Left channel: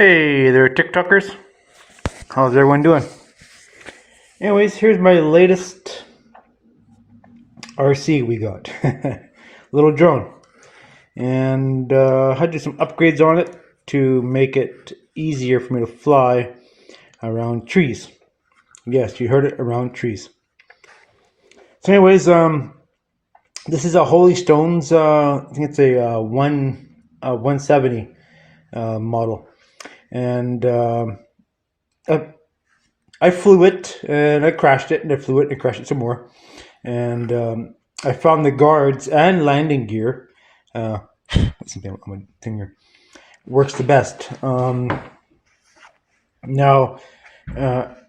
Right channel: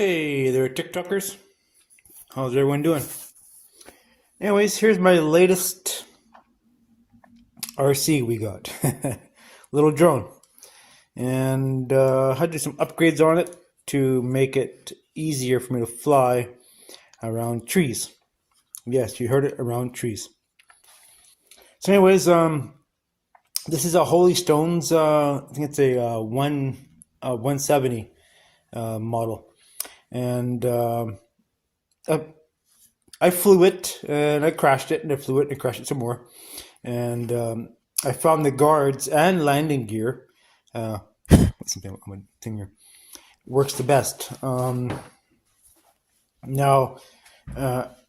Hey there, TikTokers. How's everyone doing? Anyways, here's my latest RC we got. Little drone. And I had to do some upgrades on it to make it easier for me to fly around trees. Yes, you heard it, around trees. So anyways, this is a Holy Stones, I think it's a 170 model. And I flew it and I crashed it, and I flew it and I crashed it some more. And I found the guards and landing gear. Something on my finger works the best. Now,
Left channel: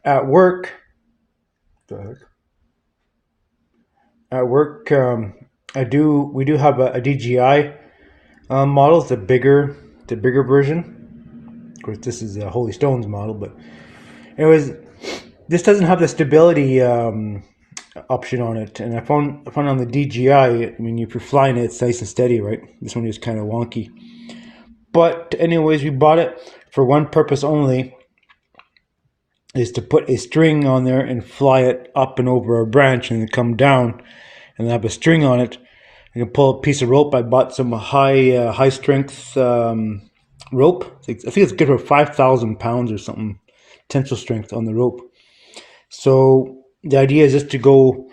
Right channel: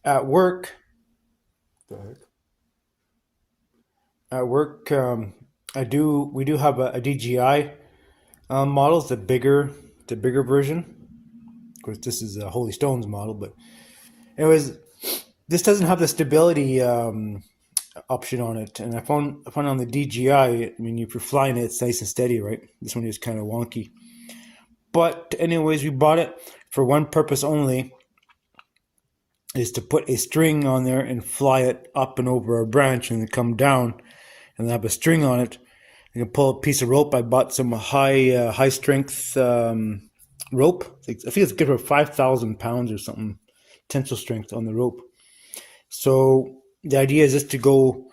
at work, we do have a DJI model. It's the bigger version. Of course, this is a Holy Stones model, but anyways, this doesn't have the stability option on it. And I found on the DJI, I mean, if you're flying it, it's nice and steady, right? This one is kind of wonky. But anyways, we bought it for one purpose only, is to put a string on there and fly it up and over a branch and then come down and have a string on it. You can pull a piece of rope. I bought some high strength rope. I think it's good for 5,000 pounds or something, tensile strength on the rope. So the idea is just to go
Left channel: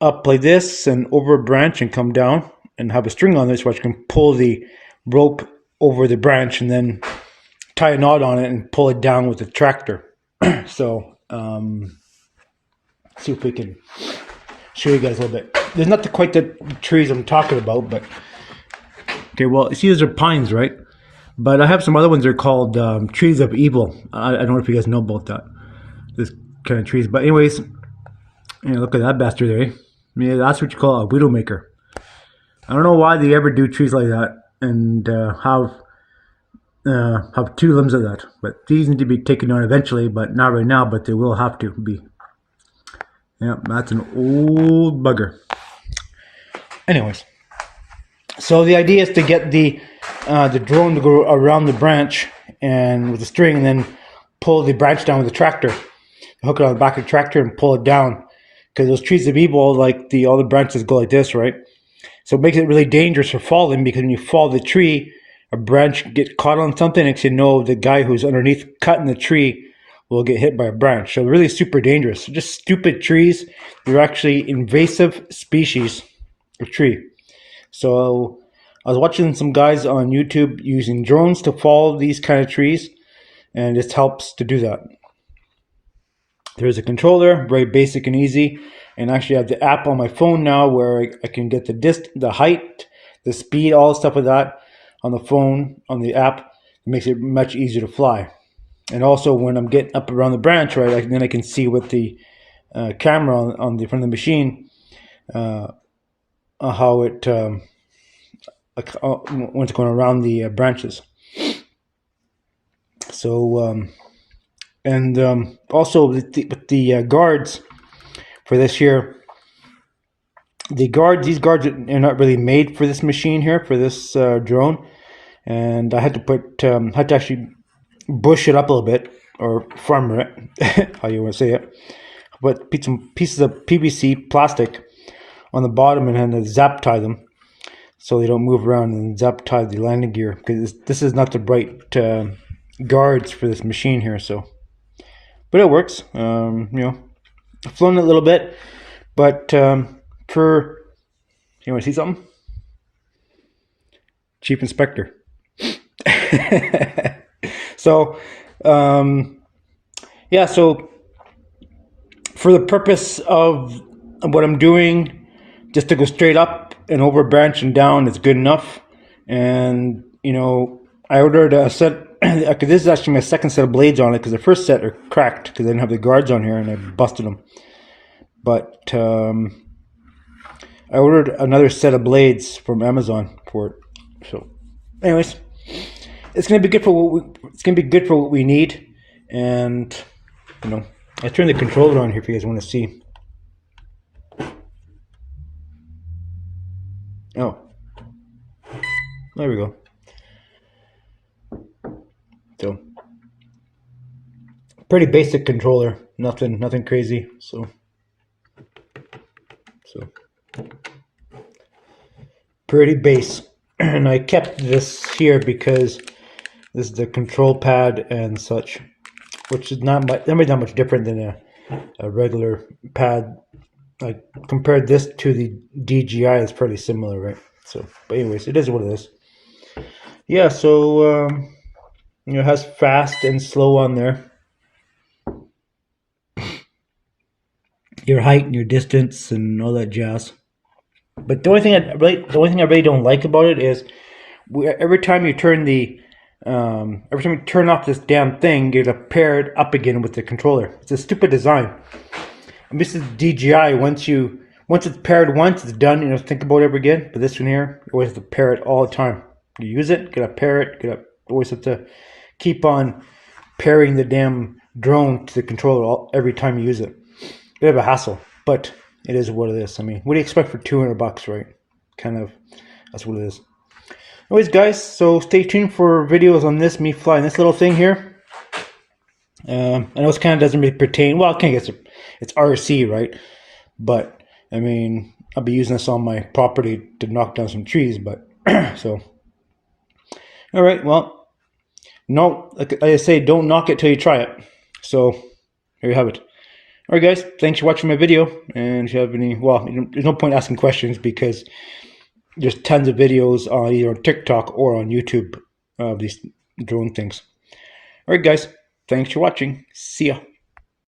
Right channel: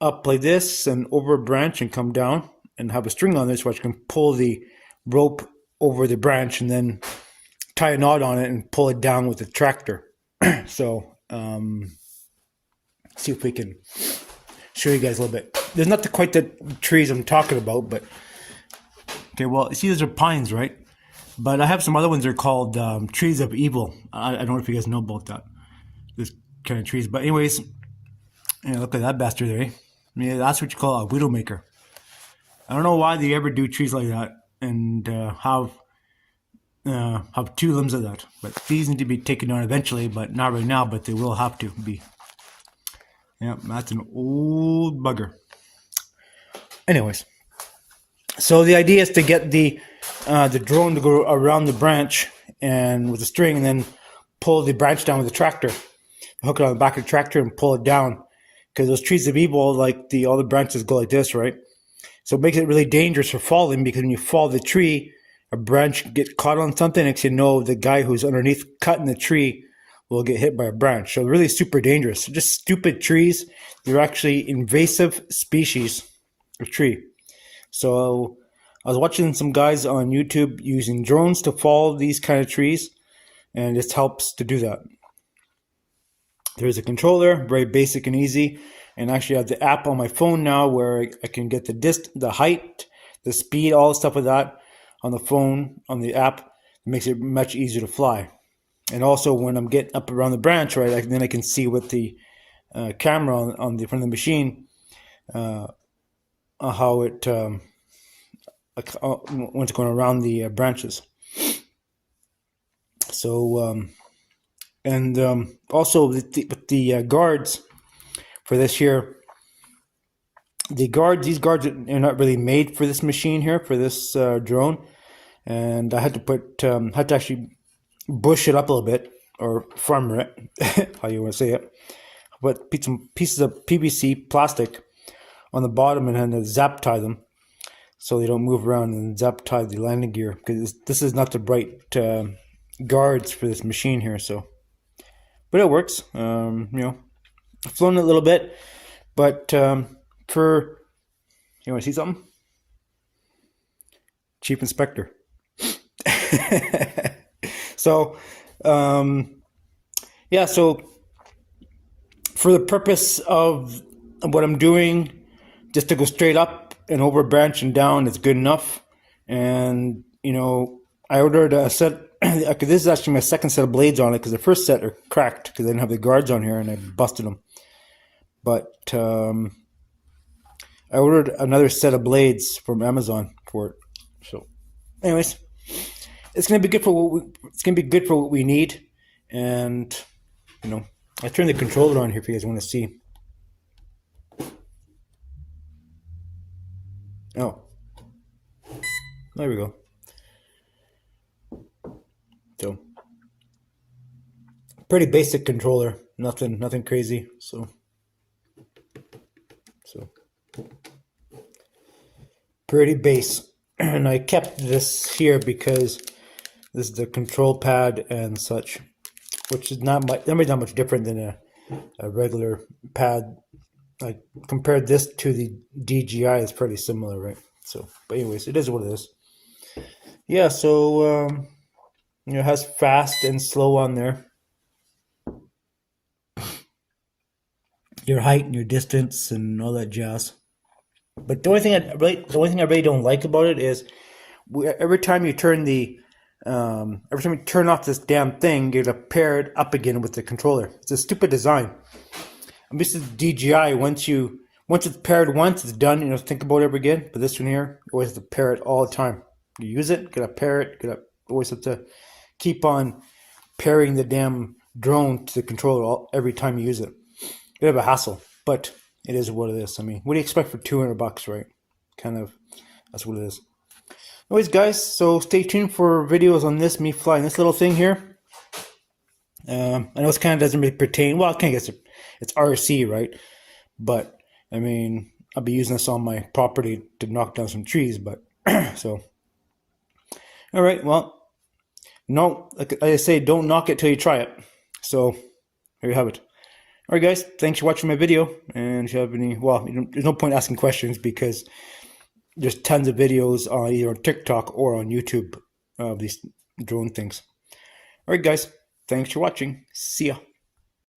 up like this and over a branch and come down and have a string on this, where you can pull the rope over the branch and then tie a knot on it and pull it down with the tractor. So see if we can show you guys a little bit. There's not quite the trees I'm talking about, but okay. Well, you see, these are pines, right? But I have some other ones that are called trees of evil. I don't know if you guys know about that. This kind of trees. But anyways, look at that bastard there. I mean, that's what you call a widowmaker. I don't know why they ever do trees like that and have two limbs of that. But these need to be taken down eventually, but not right now. But they will have to be. Yeah, that's an old bugger. Anyways, so the idea is to get the drone to go around the branch and with a string, and then pull the branch down with the tractor. Hook it on the back of the tractor and pull it down, because those trees of evil, like all the branches go like this, right? So it makes it really dangerous for falling, because when you fall the tree, a branch can get caught on something. Next you know, the guy who's underneath cutting the tree will get hit by a branch. So really super dangerous. Just stupid trees. They're actually invasive species of tree. So I was watching some guys on YouTube using drones to fall these kind of trees, and this helps to do that. There's a controller, very basic and easy, and actually I have the app on my phone now where I can get the height, the speed, all the stuff with that on the phone, on the app. It makes it much easier to fly. And also when I'm getting up around the branch, right, then I can see with the camera from the machine how it when it's going around the branches. So also with the guards for this here, these guards are not really made for this machine here, for this drone, and I had to actually bush it up a little bit, or farmer it, how you want to say it. But put some pieces of PVC plastic on the bottom and then zap tie them so they don't move around, and zap tie the landing gear, because this is not the right guards for this machine here. So, but it works. I've flown it a little bit, but for, you want to see something? Chief Inspector. So, yeah, so for the purpose of what I'm doing, just to go straight up and over a branch and down is good enough. And, I ordered a set, because this is actually my second set of blades on it, because the first set are cracked because I didn't have the guards on here and I busted them. But I ordered another set of blades from Amazon for it. So, anyways, it's gonna be good for what we need. And I turned the controller on here if you guys want to see. Oh, there we go. So Pretty basic controller, nothing crazy. So pretty base. And I kept this here because this is the control pad and such, which is not much different than a regular pad. Like compared this to the DJI, it's pretty similar, right? So, but anyways, it is what it is. Yeah, so you know, it has fast and slow on there. Your height and your distance and all that jazz. But the only thing I really don't like about it is every time you turn off this damn thing, you gotta pair it up again with the controller. It's a stupid design. And this is DJI. Once it's paired once, it's done. You don't think about it ever again. But this one here, you always have to pair it all the time. You use it, gotta pair it, always have to keep on pairing the damn drone to the controller every time you use it. Bit of a hassle, but it is what it is. I mean, what do you expect for $200, right? Kind of, that's what it is. Anyways, guys, so stay tuned for videos on this, me flying this little thing here. I know this kind of doesn't really pertain, well, I can't guess it's RC, right? But, I mean, I'll be using this on my property to knock down some trees, but, so. All right, well, no, like I say, don't knock it till you try it. So, there you have it. All right, guys, thanks for watching my video. And if you have any, well, there's no point asking questions because there's tons of videos on either on TikTok or on YouTube of these drone things. All right, guys, thanks for watching. See ya.